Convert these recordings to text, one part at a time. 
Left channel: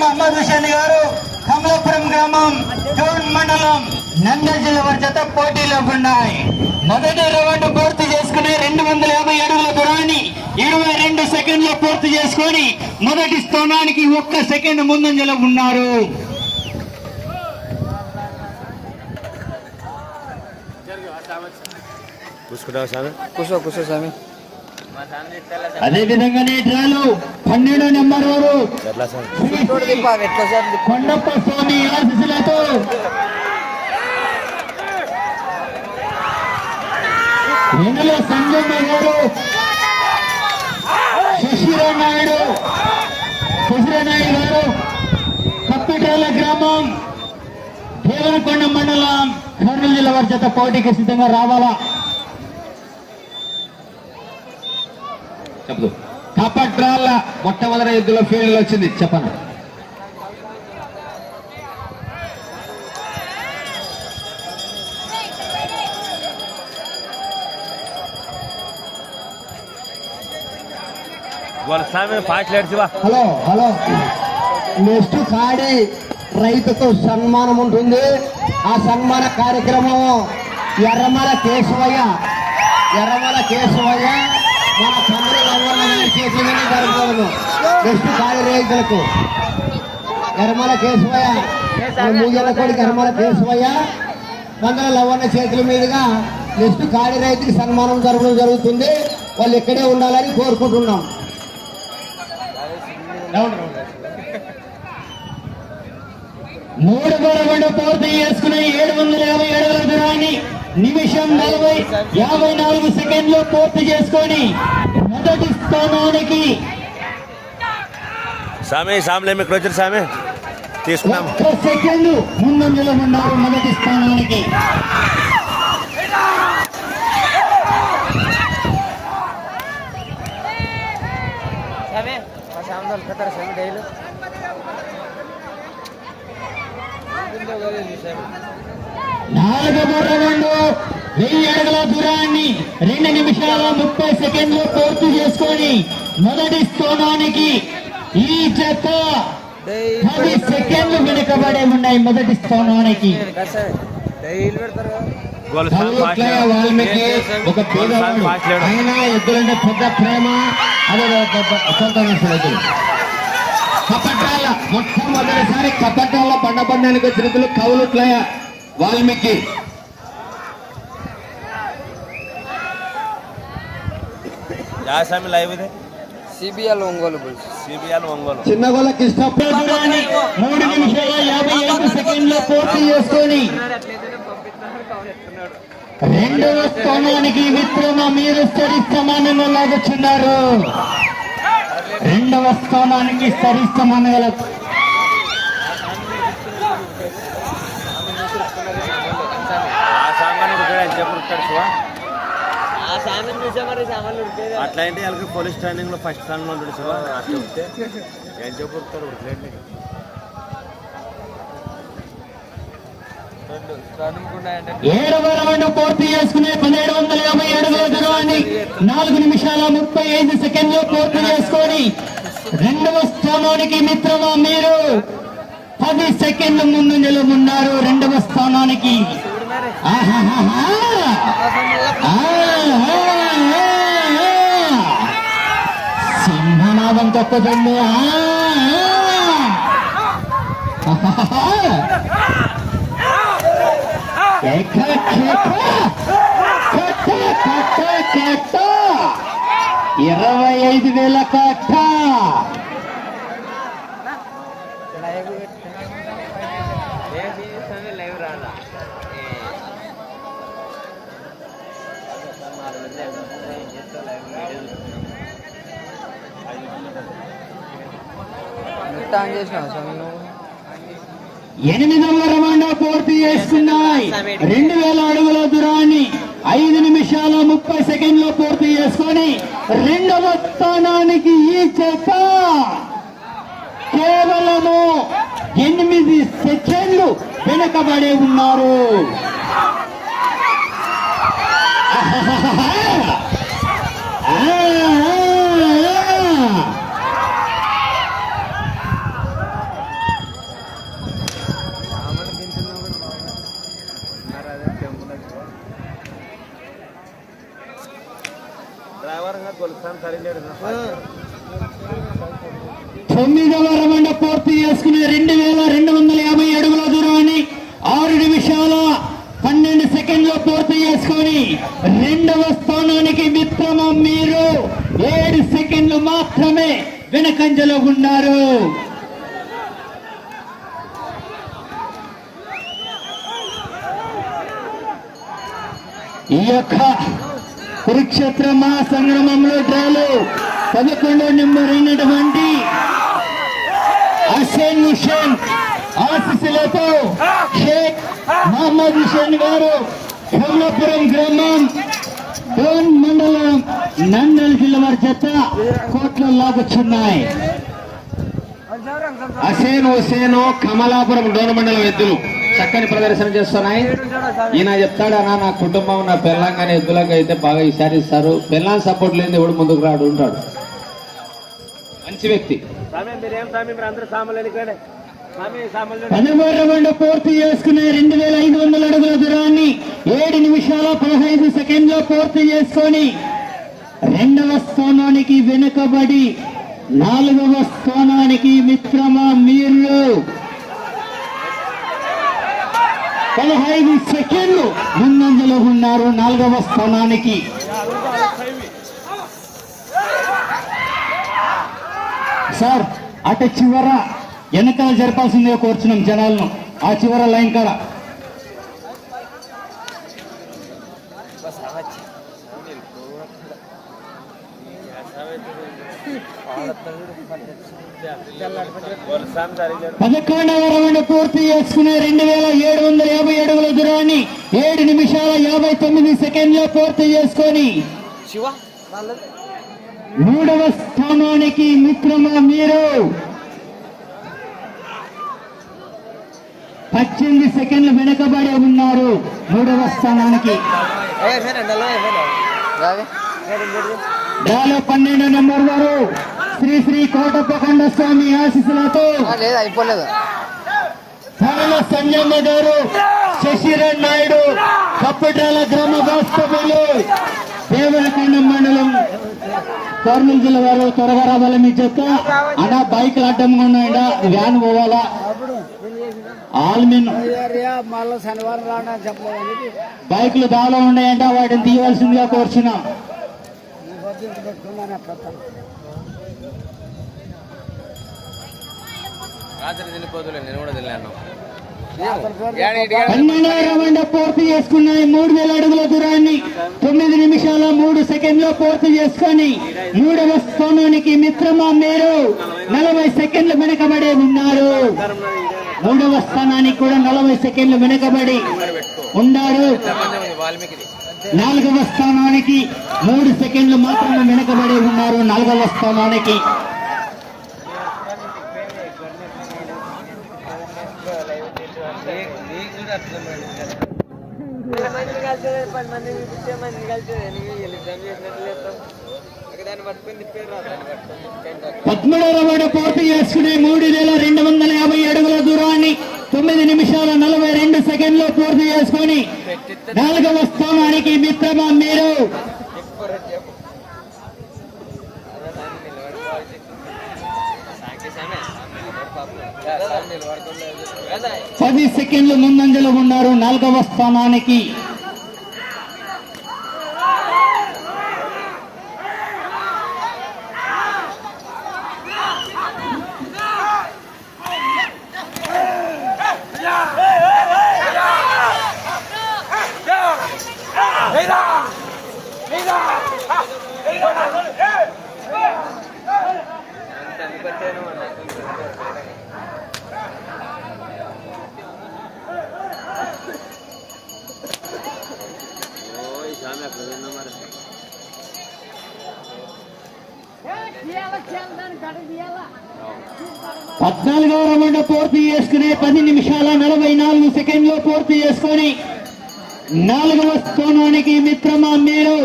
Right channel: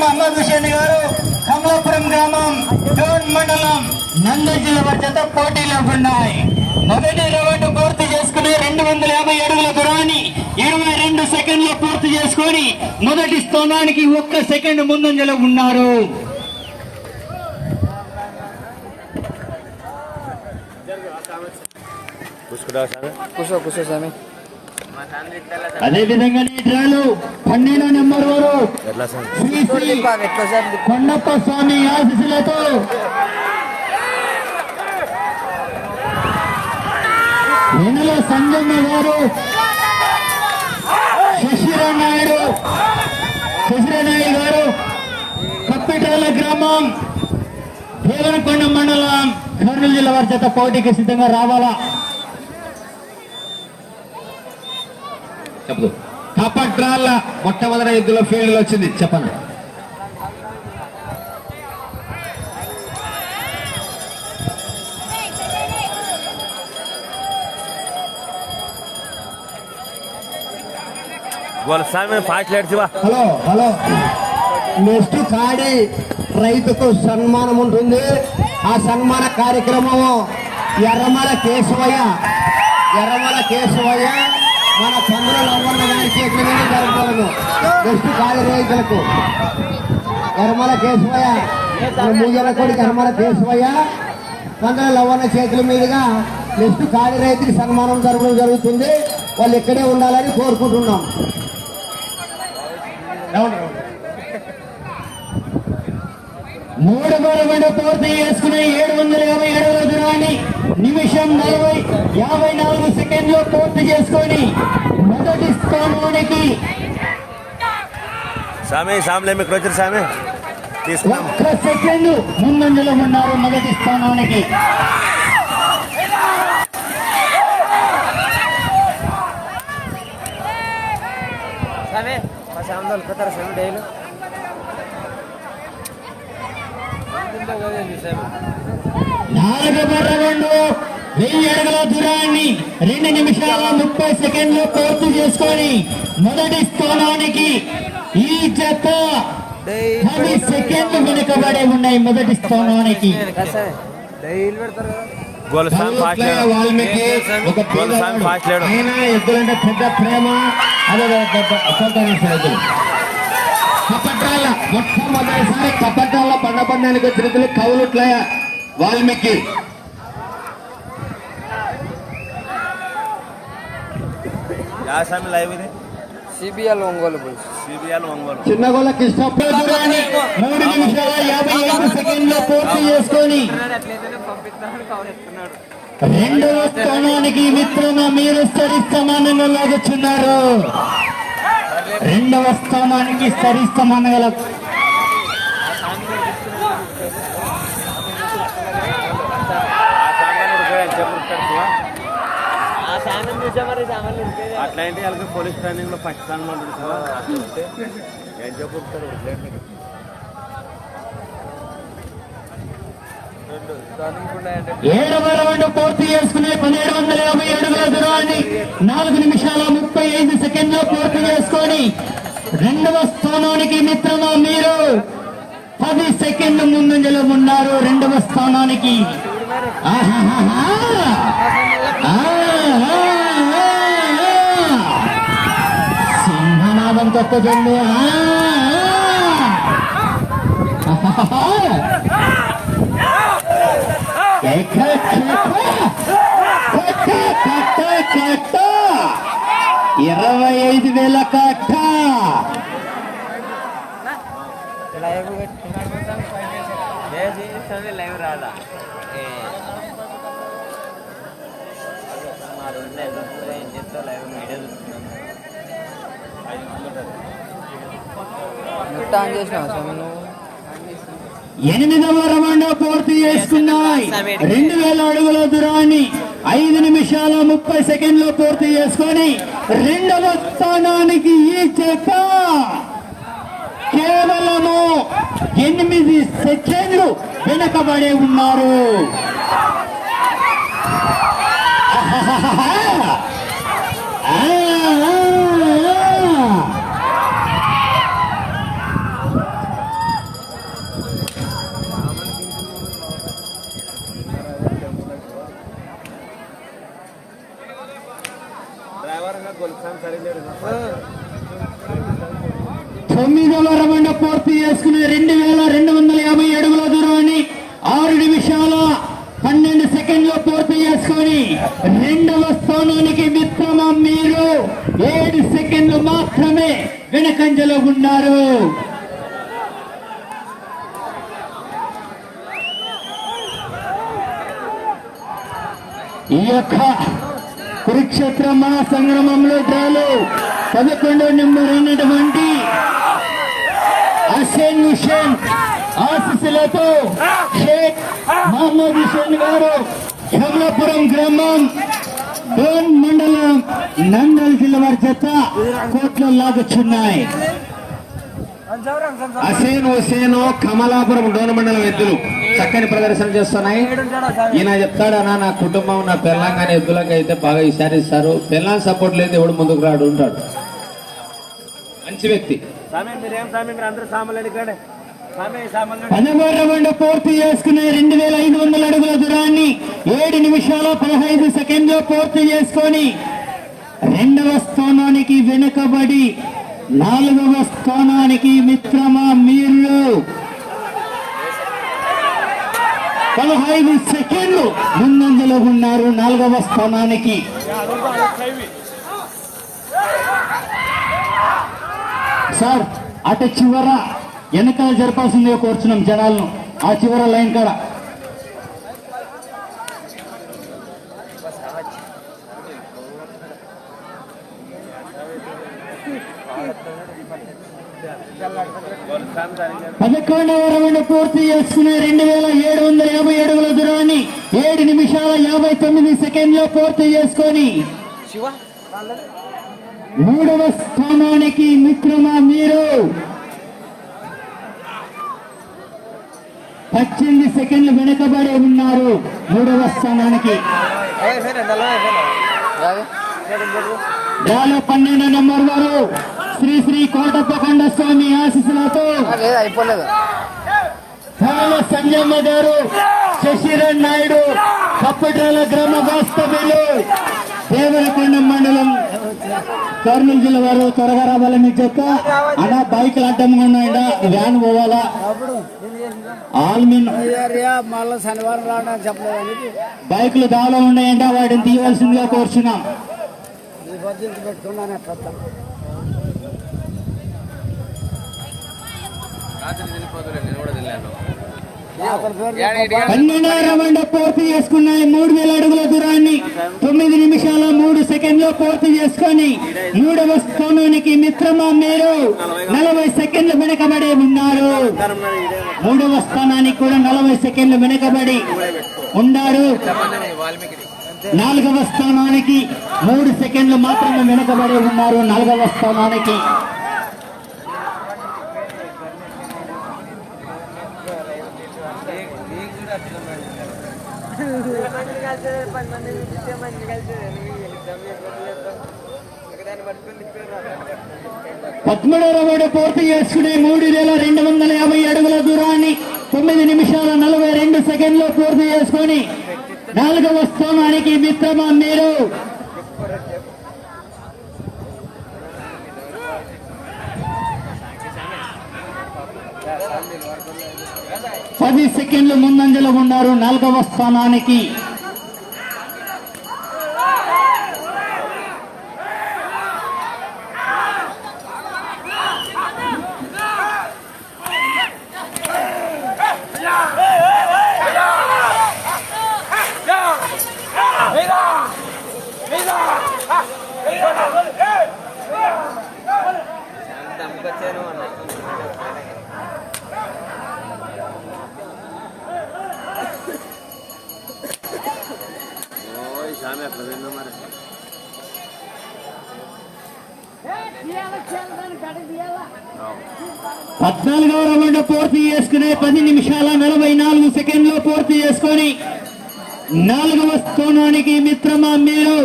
మహమ్మద్ హుసేన్ గారు కమలాపురం గ్రామం డోన్ మండలం నంద్యాల జిల్లా వారి చేత పోటీలో ఉన్నాయి. మొదటి రౌండ్ పూర్తి చేసుకుని రెండు వందల యాభై అడుగుల దూరాన్ని ఇరవై రెండు సెకండ్లు పూర్తి చేసుకొని మొదటి స్థానానికి ఒక్క సెకండ్ ముందంజలో ఉన్నారు. కూర్చో కూర్చో స్వామి. అదే విధంగా డ్రాలు పన్నెండో నెంబర్ వారు. కొండప్ప స్వామి ఆశీస్సులతో వెనుల సంగమ్మ గారు శశిరావు నాయుడు. శశిరావు నాయుడు గారు కప్పిటేల గ్రామం దేవనకొండ మండలం కర్నూలు జిల్లా వారి చేత పోటీకి సిద్ధంగా రావాలా? చెప్పదు కపట్రాల మొట్టమొదటి ఎద్దుల ఫీల్డ్ వచ్చింది. చెప్పండి. Hello hello. నెక్స్ట్ కాడి రైతుకు సన్మానం ఉంటుంది. ఆ సన్మాన కార్యక్రమం ఎర్రమల కేశవయ్య ఎర్రమల కేశవయ్య మన చంద్రుల అవ్వన్న గారి చేతుల మీద జరుపుకోవడం నెక్స్ట్ కాడి రైతులకు ఎర్రమల కేశవయ్య. మూజల కొడుకు కేశవయ్య. చంద్రుల లవ్వన్న చేతుల మీదుగా నెక్స్ట్ కాడి రైతుకి సన్మానం జరగడం జరుగుతుంది. వాళ్ళు ఇక్కడే ఉండాలని కోరుకుంటున్నాం. మూడు మూడు పూర్తి చేసుకుని ఏడు వందల యాభై రోజు దూరాన్ని నిమిషం నలభై యాభై నాలుగు సెకండ్లు పూర్తి చేసుకొని మొదటి స్థానానికి స్వామి స్వామిలే మీకు వచ్చిన స్వామి. తీసుకున్నాం. సెకండ్ ముందంజలో ఉన్నారు మొదటి స్థానానికి. స్వామి మా స్వామి వాళ్ళు పోతారు స్వామి? డైలీ నాలుగు బర్రగండు వెయ్యి అడుగుల దూరాన్ని రెండు నిమిషాల ముప్పై సెకండ్లు పూర్తి చేసుకొని మొదటి స్థానానికి ఈ జత పది సెకండ్లు వెనుకబడి ఉన్నాయి మొదటి స్థానానికి. వాల్మీకి ఒక పేదవాడు ఆయన ఎద్దులంటే పెద్ద ప్రేమ. అదే సంతోషం ఎద్దులు. కపట్టాల మొట్టమొదటిసారి కపట్టాల పండ పందానికి వచ్చిన ఎద్దులు కౌలుట్లయ వాల్మీకి. యా స్వామి లైవ్ ఇది? CBL Ongole bulls CBL Ongole. Chinnagolla Krishnappa మూడు నిమిషాల యాభై ఐదు సెకండ్లు పూర్తి చేసుకొని రెండవ స్థానానికి మిత్రున మీరు సరి స్థానాన్ని లాగుచున్నారు రెండవ స్థానానికి సరి స్థానంగా ఆ సామాన్ ఉడికాడు అట్లా ఏంటి వాళ్ళకి పోలీస్ స్టాండింగ్లో ఫస్ట్ స్థానంలో ఉంటాడు సార్. అట్లా ఉంటే ఏం చెప్పు ఏడవ రౌండ్ పూర్తి చేసుకునే పదిహేడు వందల యాభై అడుగుల దూరాన్ని నాలుగు నిమిషాల ముప్పై ఐదు సెకండ్లు పూర్తి చేసుకొని రెండవ స్థానానికి మిత్రమా మీరు? పది సెకండ్ల ముందు ఉన్నారు రెండవ స్థానానికి. ఆహాహా. తప్పదండి. ఇరవై ఐదు వేల కట్ట. లైవ్ లైవ్ రాదా నెట్ ఆన్ స్వామి నువ్వు? ఎనిమిదవ రవాణా పూర్తి చేసుకున్నాయి. రెండు వేల అడుగుల దూరాన్ని ఐదు నిమిషాల ముప్పై సెకండ్లు పూర్తి చేసుకొని రెండవ స్థానానికి ఈ చేత కేవలము ఎనిమిది సెకండ్లు వెనుకబడి ఉన్నారు. ఆ, తొమ్మిదవ రౌండ్ పూర్తి చేసుకుని రెండు వేల రెండు వందల యాభై అడుగుల దూరాన్ని ఆరు నిమిషాల పన్నెండు సెకండ్లు పూర్తి చేసుకొని రెండవ స్థానానికి మిత్రమ మీరు ఏడు సెకండ్లు మాత్రమే వెనకంజలో ఉన్నారు. ఈ యొక్క కురుక్షేత్ర మహాసంగ్రమంలో డ్రాలో పదకొండో నెంబర్ అయినటువంటి హుసేన్ హుసేన్ ఆశీస్సులతో షేక్ మహమ్మద్ హుసేన్ గారు కమలాపురం గ్రామం డోన్ మండలం నందల్ జిల్లా వారి చేత కోట్లో లాగొచ్చున్నాయి హసేన్ హుసేన్ కమలాపురం డోన్ మండలం ఎద్దులు. చక్కని ప్రదర్శన చేస్తున్నాయి. ఈయన చెప్తాడు అన్న నా కుటుంబం నా తెలంగాణ ఎద్దులకు అయితే బాగా ఈసారి ఇస్తారు సపోర్ట్ లేని ఎవడు ముందుకు రాడు ఉంటాడు మంచి వ్యక్తి. పదమూడు పూర్తి చేసుకునే రెండు వేల ఐదు వందల అడుగుల దూరాన్ని ఏడు నిమిషాల పదహైదు సెకండ్లో పూర్తి చేసుకొని రెండవ స్థానానికి వెనుకబడి నాలుగవ స్థానానికి మిత్రమా మీరు పదహైదు సెకండ్లు ముందంజలో ఉన్నారు నాలుగవ స్థానానికి. సార్ అటు చివర వెనకాల జరపాల్సిందే కోరుచున్నాం జనాలను. ఆ చివర లైన్ కాడ. పదకొండవ రౌండ్ పూర్తి చేసుకునే రెండు వేల ఏడు వందల యాభై అడుగుల దూరాన్ని ఏడు నిమిషాల యాభై తొమ్మిది సెకండ్లో పూర్తి చేసుకొని మూడవ స్థానానికి మిత్రమా మీరు పద్దెనిమిది సెకండ్లు వెనకబడి ఉన్నారు. మూడవ స్థానానికి. పన్నెండు నెంబర్ వారు శ్రీ శ్రీ కోటప్ప కండ స్వామి ఆశీస్సులతో కాల సంజమ్మ గారు శశిరేణ్ నాయుడు కప్పటాల గ్రామ వాస్తవ్యులు దేవరకొండ మండలం కర్నూలు జిల్లా వారు త్వరగా రావాలని మీ చెప్త. అన్న బైక్లు అడ్డంగా ఉన్నాయంట వ్యాన్ పోవాలా? ఆల్మిన్ బైకులు దాలో ఉన్నాయంట వాటిని తీయవలసిందిగా కోరుచున్నాం. రౌండ్ పూర్తి చేసుకున్నాయి మూడు వేల అడుగుల దూరాన్ని తొమ్మిది నిమిషాల మూడు సెకండ్లు పూర్తి చేసుకొని మూడవ స్థానానికి మిత్రమా మీరు. నలభై సెకండ్లు వెనకబడి ఉన్నారు. మూడవ స్థానానికి కూడా నలభై సెకండ్లు వెనకబడి ఉన్నారు. నాలుగవ స్థానానికి మూడు సెకండ్లు మాత్రమే వెనకబడి ఉన్నారు. నాలుగవ స్థానానికి పది మంది ఇచ్చే మంది కలిసి ఎగ్జామ్ చేసినట్లు దాన్ని పట్టుకొని పద్మూడవ రౌండ్ పూర్తి చేసుకునే మూడు వేల రెండు వందల యాభై అడుగుల దూరాన్ని తొమ్మిది నిమిషాల నలభై రెండు సెకండ్లు పూర్తి చేసుకొని నాలుగవ స్థానానికి మిత్రమా మీరు? పది సెకండ్లు ముందంజలో ఉన్నారు. నాలుగవ స్థానానికి ఓ ఈ స్వామి అట్లా తిన్నా మరి పద్నాలుగవ రౌండ్ పూర్తి చేసుకునే పది నిమిషాల నలభై నాలుగు సెకండ్లు పూర్తి చేసుకొని నాలుగవ స్థానానికి మిత్రమా మీరు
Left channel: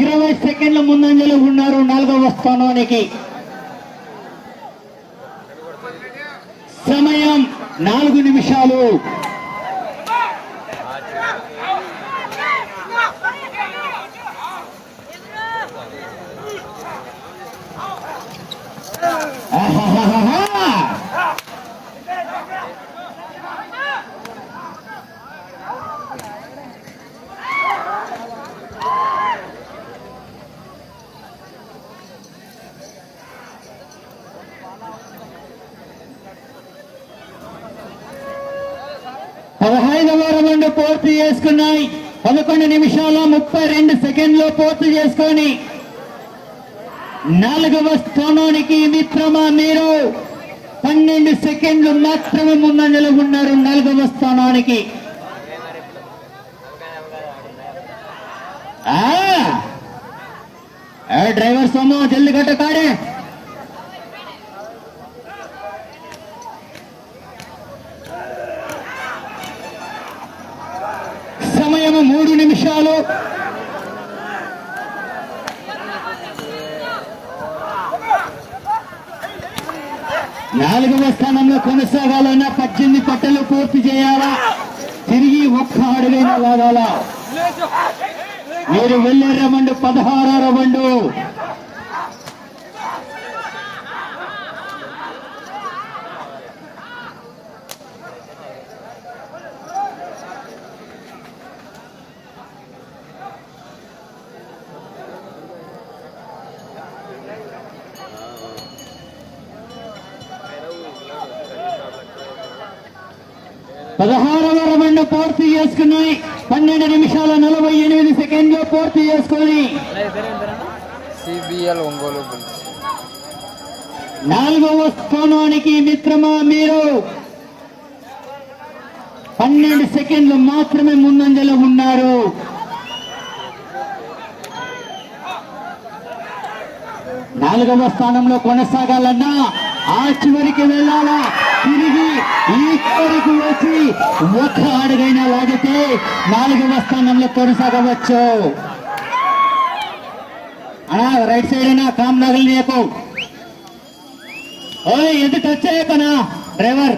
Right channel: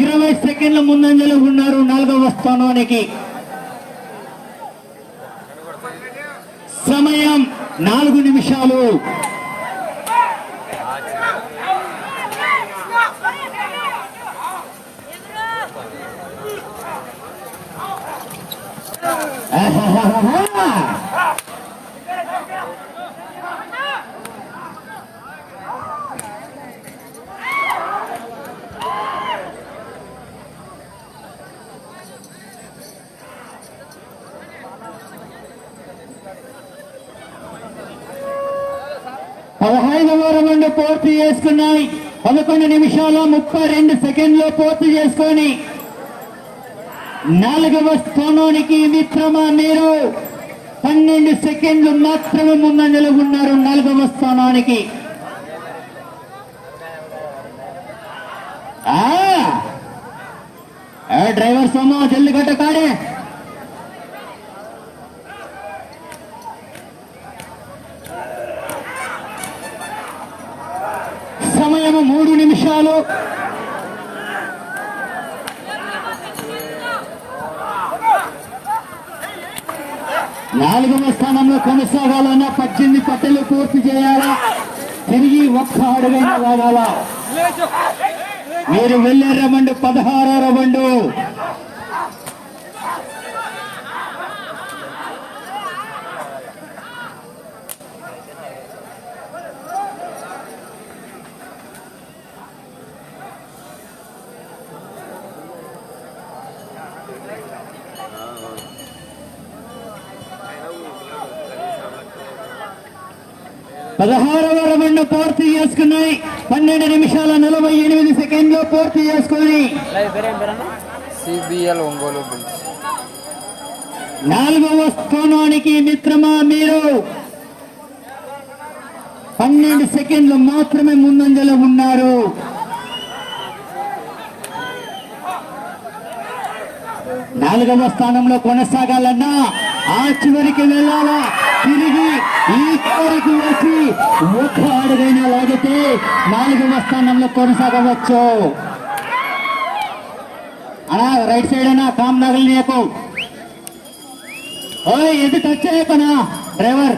ఇరవై సెకండ్ల ముందంజలో ఉన్నారు నాలుగవ స్థానానికి. సమయం నాలుగు నిమిషాలు ఆహాహా! పదహైదవ రౌండ్ పూర్తి చేసుకున్నాయి. పదకొండు నిమిషాలు ముప్పై రెండు సెకండ్లు పూర్తి చేసుకొని నాలుగవ స్థానానికి మిత్రమా మీరు? పన్నెండు సెకండ్లు మాత్రమే ముందంజలో ఉన్నారు నాలుగవ స్థానానికి. ఆ! డ్రైవర్ సోము జల్ది గట్ట కాడే సమయం మూడు నిమిషాలు నాలుగవ స్థానంలో కొనసాగాలన్నా పద్దెనిమిది పట్టలు పూర్తి చేయాలా? తిరిగి ఒక్క అడుగైనా రావాలా మీరు వెళ్ళే రవండు పదహారో రవండు పదహారవ రౌండ్ పూర్తి చేసుకున్నాయి పన్నెండు నిమిషాల నలభై ఎనిమిది సెకండ్లు పూర్తి చేసుకుని సిబిఎల్ ఒంగోలు బుల్స్. నాలుగవ స్థానానికి మిత్రమా మీరు? పన్నెండు సెకండ్లు మాత్రమే ముందంజలో ఉన్నారు. నాలుగవ స్థానంలో కొనసాగాలన్నా ఆ చివరికి వెళ్ళాలా? తిరిగి ఈ చివరికి వేసి ఒక్క అడుగైనా లాగితే నాలుగవ స్థానంలో కొనసాగవచ్చు. రైట్ సైడ్ అయినా కామ్ నగలు నీకు ఓయ్ ఇది టచ్ చేయకనా డ్రైవర్?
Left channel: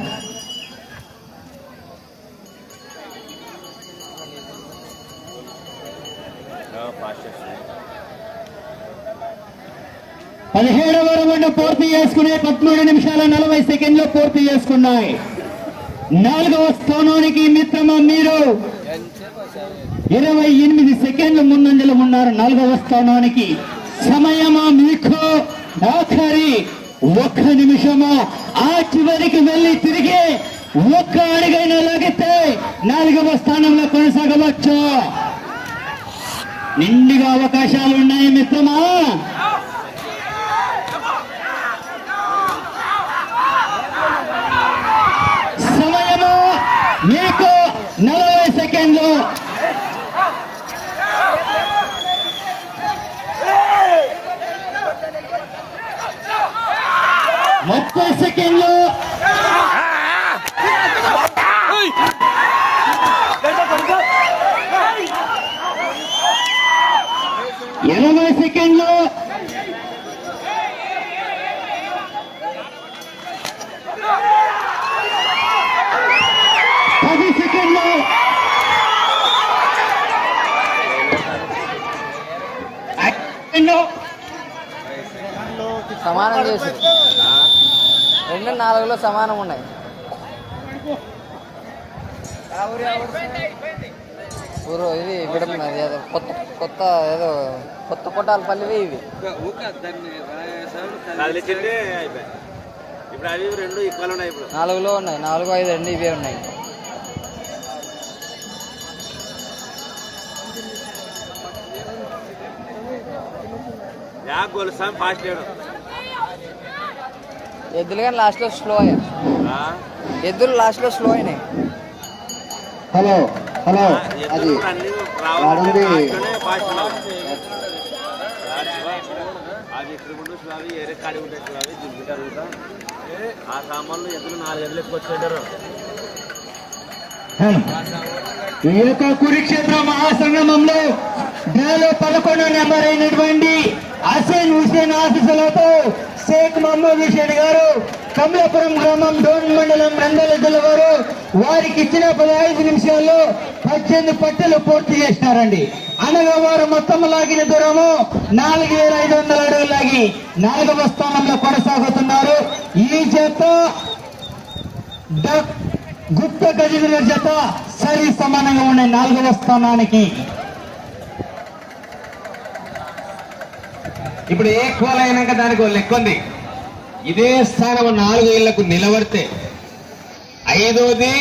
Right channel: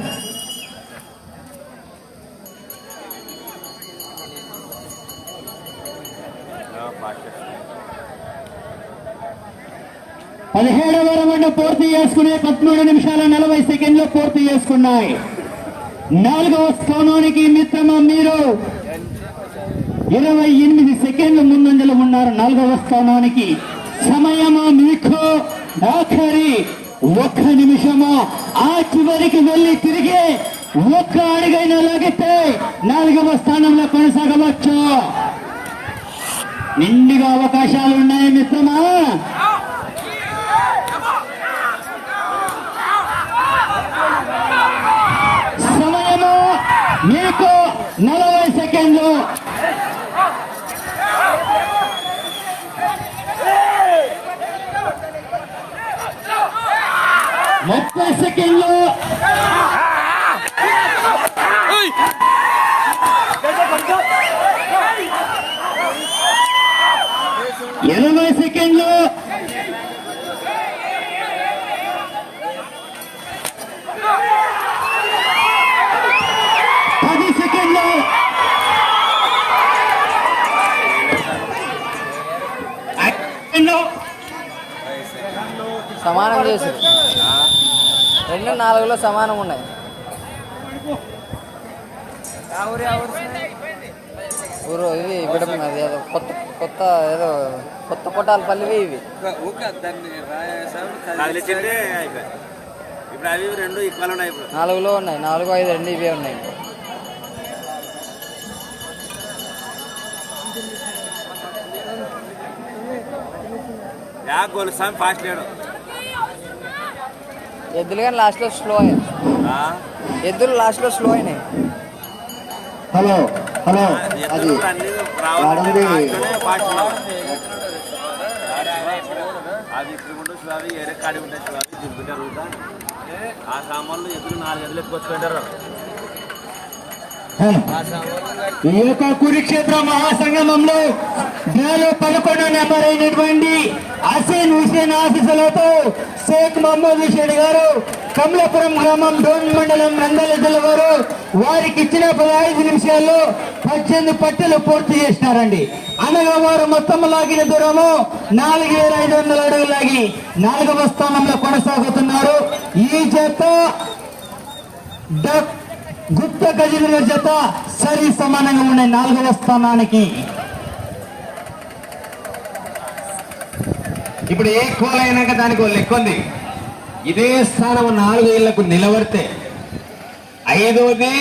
పదిహేడవ రౌండ్ పూర్తి చేసుకునే పదమూడు నిమిషాల నలభై సెకండ్లు పూర్తి చేసుకున్నాయి. నాలుగవ స్థానానికి మిత్రమా మీరు? ఇరవై ఎనిమిది సెకండ్లు ముందంజలు ఉన్నారు నాలుగవ స్థానానికి. సమయమా మీకు? ఆఖరి ఒక్క నిమిషమా? ఆ చివరికి వెళ్ళి తిరిగి ఒక్క అడుగైనా లాగితే నాలుగవ స్థానంలో కొనసాగవచ్చు? నిండుగా అవకాశాలు ఉన్నాయి మిత్రమా సమయము మీకు నలభై సెకండ్లు. ముప్పై సెకండ్లు. ఎనభై సెకండ్లు పది సెకండ్లు ఐదు సమానం చేసి. రెండు నాలుగులో సమానం ఉన్నాయి. ఊరు ఇది విడమది ఏదో కొత్త కొత్త ఏదో కొత్త కొట్టాల పల్లివి ఇవి రెండు నాలుగులో ఉన్నాయి. నాలుగు ఐదు రెండు ఇవే ఉన్నాయి. ఫాస్ట్ లేడు. ఎద్దులు కానీ లాస్ట్లో స్లో అయ్యాయి ఆ? ఎద్దులు లాస్ట్లో స్లో అయినాయి. హలో హలో అది ఇక్కడ ఉండు ఏరే కాడి ఉంటాయి ఆ సామాన్లు నాలుగు ఎక్కువ పెట్టారు యొక్క కురుక్షేత్ర మహాసంగమంలో పదకొండో నెంబర్ అయినటువంటి అసేన్ హుసేన్ ఆశీస్సులతో షేక్ మహమ్మద్ హుసేన్ గారు కమలాపురం గ్రామం డోన్ మండలం నందల జిల్లా వారు వారికి ఇచ్చిన పదహైదు నిమిషాల్లో పద్దెనిమిది పట్టలు పూర్తి చేసినారండి. అనగా వారు మొత్తం లాగిన దూరము నాలుగు వేల ఐదు వందల అడుగులు లాగి నాలుగవ స్థానంలో కొనసాగుతున్నారు. ఈ జత గుప్త గజల జత సరి సమానంగా ఉండే నాలుగవ స్థానానికి ఇప్పుడు ఈక్వల్ అయినాక దానికి ఒక లెక్క ఉంది ఇదే స్థానం నాలుగు ఏళ్ళకు నిలబడితే ఐదోది